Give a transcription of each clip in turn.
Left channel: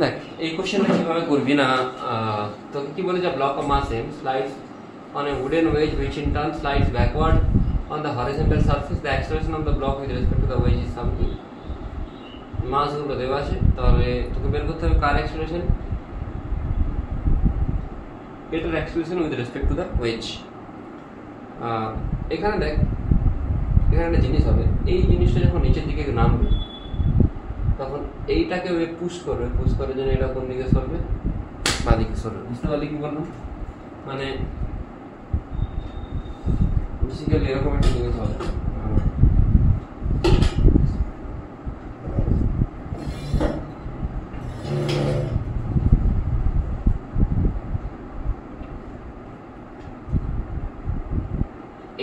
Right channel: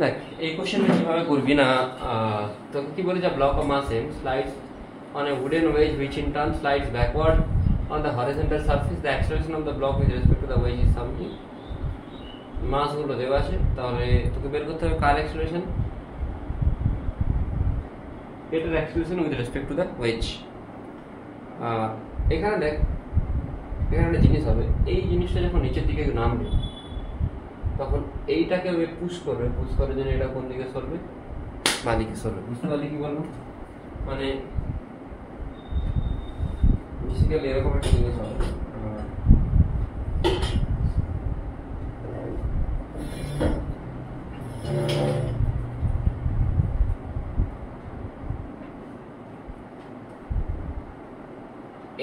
দেখ এই কোশ্চেনটা কিভাবে করবি না, তোকে কি বলে যে block of mass m slides on a wooden wedge which in turn slides backward on the horizontal surface, the acceleration of the block with respect to the wedge is something. মাস গুলো দেওয়া আছে, তাহলে তোকে বের করতে হবে কার অ্যাক্সেলারেশন, এটার acceleration with respect to the ways. এখানে দেখ এখানে একটা জিনিস হবে, এই জিনিসটা যখন নিচের দিকে নামবে তখন এইটাকে ওয়ে পুশ করবে, পুশ করার জন্য এটা কোন দিকে সরবে, বাঁ দিকে সরবে। বুঝতে পারলি কি বললাম? মানে বেসিক্যালি এরকম একটা জিনিস হবে।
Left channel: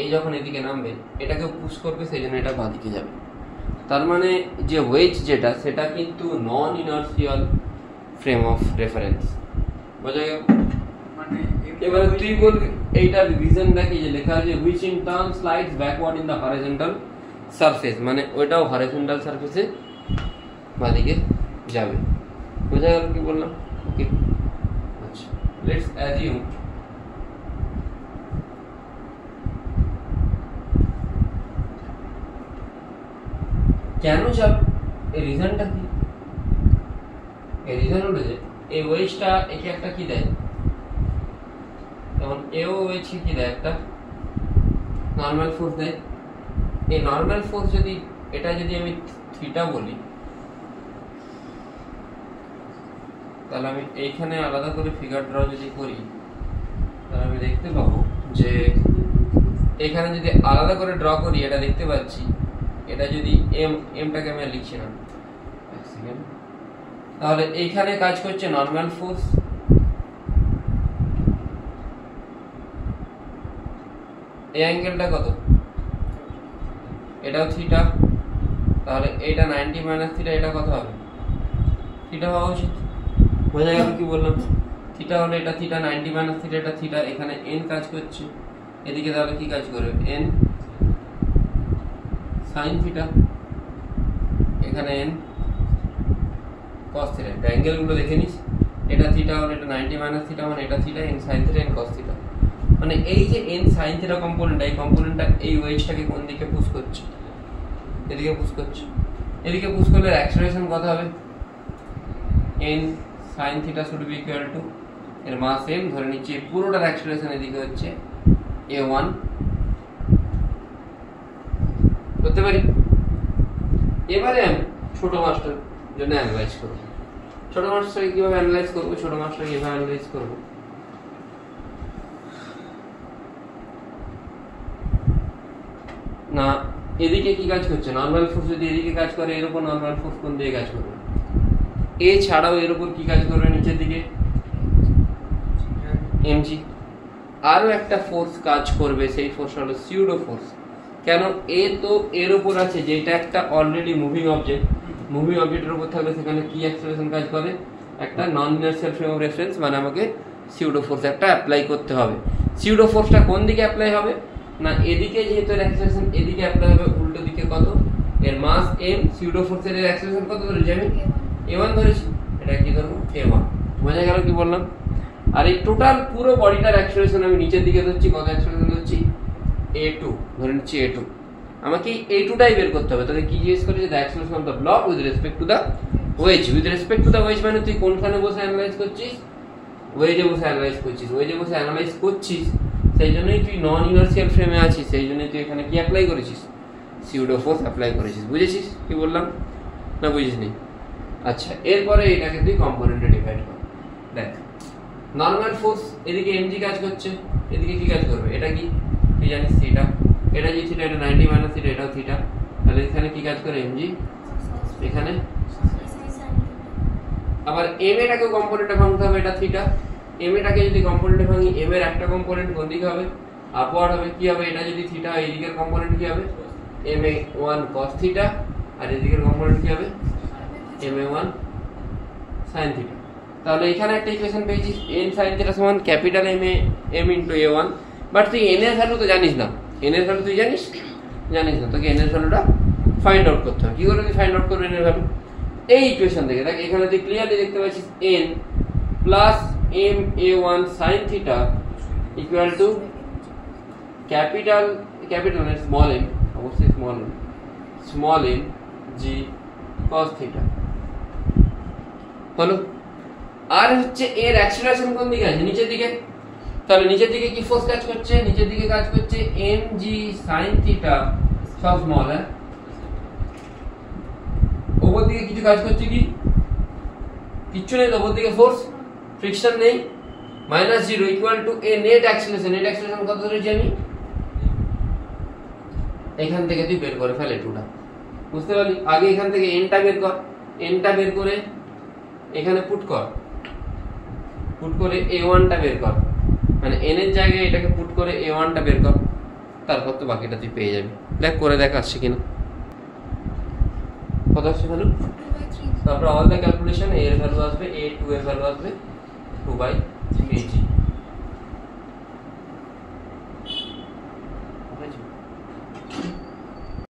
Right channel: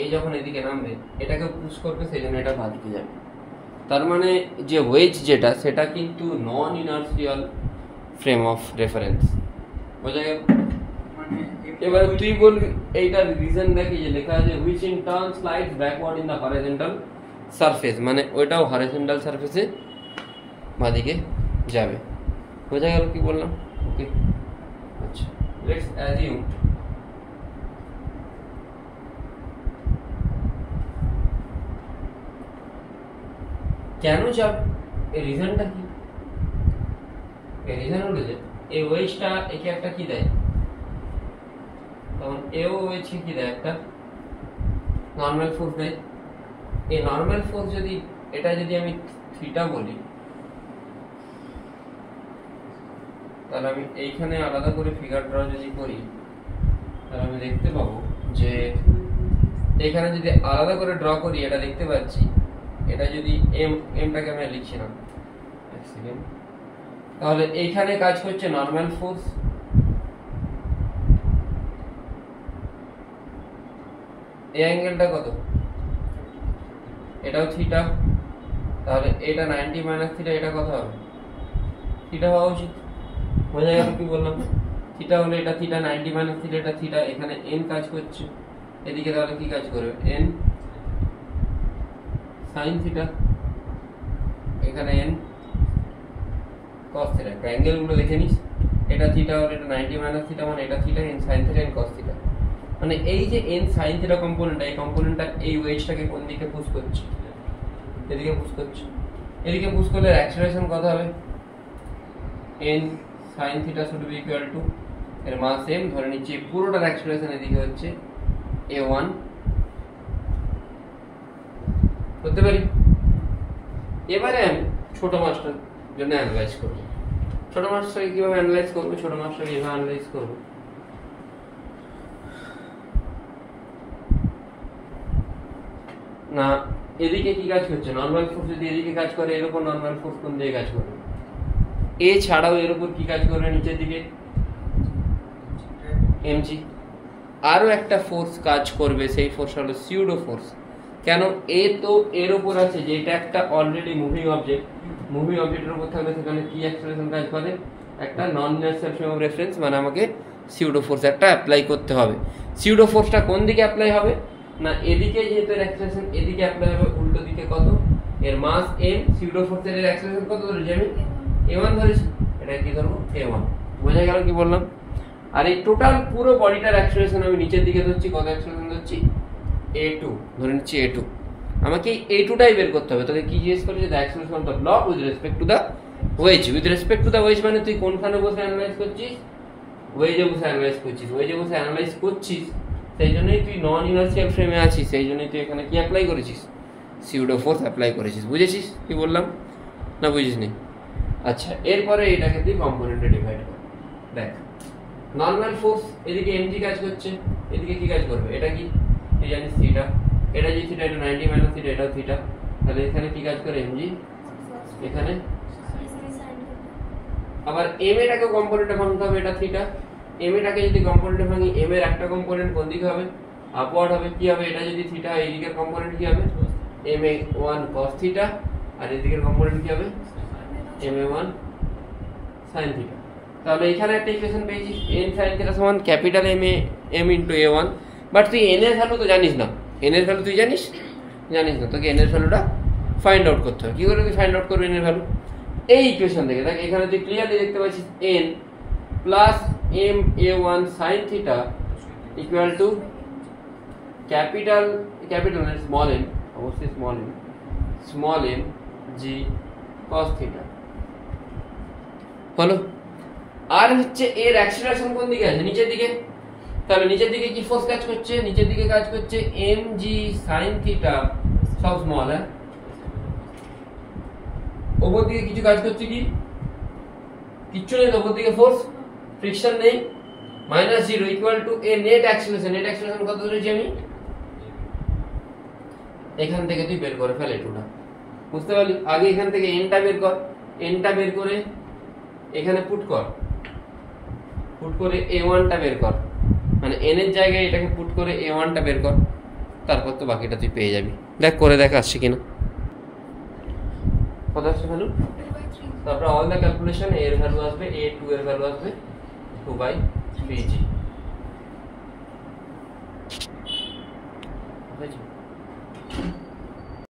এই যখন এদিকে নামবে এটাকে পুশ করবে, সেই জন্য এটা বাঁ দিকে যাবে। তার মানে যে ওয়েজ যেটা সেটা কিন্তু নন ইনার্সিয়াল ফ্রেম অফ রেফারেন্স, বোঝা গেল? মানে এবারে তুই বলবি এইটার রিজন দেখি যে লেখা আছে which in turn slides backward in the horizontal surface, মানে ওইটাও হরাইজন্টাল সারফেসে বাঁদিকে যাবে। বোঝা গেল কি বললাম? ওকে, আচ্ছা লেটস অ্যাজিউম কেন যাবে, এই রিজনটা কি? এই রিজন হলো যে এই ওয়েজটা একে একটা কি দেয়, তখন এও ওয়েজকে কি দেয়, একটা নর্মাল ফোর্স দেয়। এই নর্মাল ফোর্স যদি এটা যদি আমি থিটা বলি, তাহলে আমি এইখানে আলাদা করে ফিগার ড্র যদি করি, তাহলে আমি দেখতে পাবো যে এখানে যদি আলাদা করে ড্র করি এটা দেখতে পাচ্ছি, এটা যদি এমটাকে আমি লিখছিলাম এক সেকেন্ড, তাহলে এইখানে কাজ করছে নর্মাল ফোর্স, এই অ্যাঙ্গেলটা কত, এটাও থিটা, তাহলে এটা 90 মাইনাস থিটা, এটা কত হবে, থিটা হওয়া উচিত। বোঝা গেল কি বললাম? থিটা হলে এটা থিটা, 90 মাইনাস থিটা এটা থিটা, এখানে এন কাজ করছে, এদিকে তাহলে কি কাজ করবে, এন সাইন থিটা, এখানে এন কস থিটা। অ্যাঙ্গেল গুলো দেখে নিস, এটা থিটা হলে এটা 90 মাইনাস থিটা, মানে এটা theta, N sine theta, n cos theta. মানে এই যে এন সাইন থিটা কম্পোনেন্ট, এই কম্পোনেন্টটা এই ওয়েজটাকে কোন দিকে পুশ করছে, এদিকে পুশ করছে। এদিকে পুশ করলে অ্যাক্সেলারেশন কত হবে, N sine theta should be equal to, এর মাস এম ধরে নিচ্ছি, পুরোটার অ্যাক্সেলারেশন এদিকে হচ্ছে a1 করতে পারি। এবারে আমি ছোট মাস্টার জন্য অ্যানালাইজ করব। ছোট মাস্টারকে কিভাবে অ্যানালাইজ করব, ছোট মাস্টার কিভাবে অ্যানালাইজ করব, না এদিকে কি কাজ করছে, নর্মাল ফোর্স যদি এদিকে কাজ করে, এর উপর নর্মাল ফোর্স কোন দিকে কাজ করবে, এ ছাড়াও এর উপর কি কাজ করবে, নিচের দিকে এমজি। আরো একটা ফোর্স কাজ করবে, সেই ফোর্স হলো সিউডো ফোর্স। কেন, এ তো এর উপর আছে, যেটা একটা অলরেডি মুভিং অবজেক্ট, মুভিং অবজেক্টের উপর থাকলে সেখানে কি অ্যাক্সেলারেশন কাজ করে, একটা নন ইনার্সিয়াল ফ্রেম অফ রেফারেন্স, মানে আমাকে সিউডো ফোর্স একটা অ্যাপ্লাই করতে হবে। সিউডো ফোর্সটা কোন দিকে অ্যাপ্লাই হবে, না এদিকে যেহেতু এর অ্যাক্সেলারেশন এদিকে অ্যাপ্লাই হবে, উল্টো দিকে কত, এর মাস এম, সিউডো ফোর্সের এর অ্যাক্সেলারেশন কত ধরেছি আমি, a1 ধরেছি, এটা কি ধরবো a1। বোঝা গেল কি বললাম? আর এই টোটাল পুরো বডিটার অ্যাক্সেলারেশন আমি নিচের দিকে ধরছি, কত অ্যাক্সেলারেশন ধরছি, a2 ধরে নিচ্ছি, a2। আমাকে a2টাই বের করতে হবে। তাহলে কি জিজ্ঞেস করেছে, the acceleration of the block with respect to the ways. With respect to the ways মানে তুই কোনখানে বসে অ্যানালাইজ করছিস, ওয়েজে বসে অ্যানালাইজ করছিস, ওয়েজে বসে অ্যানালাইজ করছিস, সেই জন্যই তুই নন ইনার্সিয়াল ফ্রেমে আছিস, সেই জন্যই তুই এখানে কি অ্যাপ্লাই করেছিস, সিউডো ফোর্স অ্যাপ্লাই করেছিস। বুঝেছিস কি বললাম, না বুঝিস নি? আচ্ছা, এরপরে এটাকে তুই কম্পোনেন্টে ডিভাইড কর। দেখ নর্মাল ফোর্স এদিকে এমজি কাজ করছে, এদিকে কি কাজ করবে, এটা কি তুই জানিস, থিটা, এটা যে থিটা, এটা 90 মাইনাস থিটা, এটাও থিটা, তাহলে এখানে কি কাজ করে, এমজি, এখানে আবার এম এটাকে কম্পোনেন্টে ভাঙতে হবে, এটা থিটা, এম এটাকে যদি কম্পোনেন্টে ভাঙি, এম এর একটা কম্পোনেন্ট কোন দিকে হবে, আপওয়ার্ড হবে। কি হবে, এটা যদি থিটা, এই দিকের কম্পোনেন্ট কি হবে, ma1 cos থিটা, আর এই দিকের কম্পোনেন্ট কি হবে, ma1 sin থিটা। তাহলে এখানে একটা ইকুয়েশন পেয়েছিস, n sin থিটা সমান capital m into a1। But তুই n এর ভ্যালু তো জানিস না, n এর ভ্যালু তুই জানিস না, তোকে n এর ভ্যালুটা ফাইন্ড আউট করতে হবে। কি করে তুই ফাইন্ড আউট করবি n এর ভ্যালু, এই ইকুয়েশন থেকে দেখ এখানে তুই ক্লিয়ারলি দেখতে পাচ্ছিস n plus ma1 sin theta equal to capital small m, অবশ্যই small m g cos theta হলো। আর হচ্ছে এর অ্যাক্সিলারেশন কোন দিকে আছে? নিচের দিকে। তাহলে নিচের দিকে কি ফোর্স কাজ করছে? নিচের দিকে কাজ করছে mg sin থিটা সব স্মল, হ্যাঁ। ওপর দিকে কিছু কাজ করছে কি? কিচ্ছু নেই, ওপর দিকে ফোর্স ফ্রিকশন নেই। -0 equal to A net acceleration. Net acceleration কত ধরেছি আমি? এখান থেকে তুই বের করে ফেল এটুটা, বুঝতে পারলি? আগে এখান থেকে এনটা বের কর, এনটা বের করে এখানে পুট করে a1 টা বের কর, মানে n এর জায়গায় এটাকে পুট করে a1 টা বের কর, তারপর তো বাকিটা তুই পেয়ে যাবি। দেখ করে দেখ আসছে কিনা। কত আসছে ভ্যালু? তারপর অল দ্য ক্যালকুলেশন a এর ভ্যালু আসবে, a2 এর ভ্যালু আসবে 2/3g।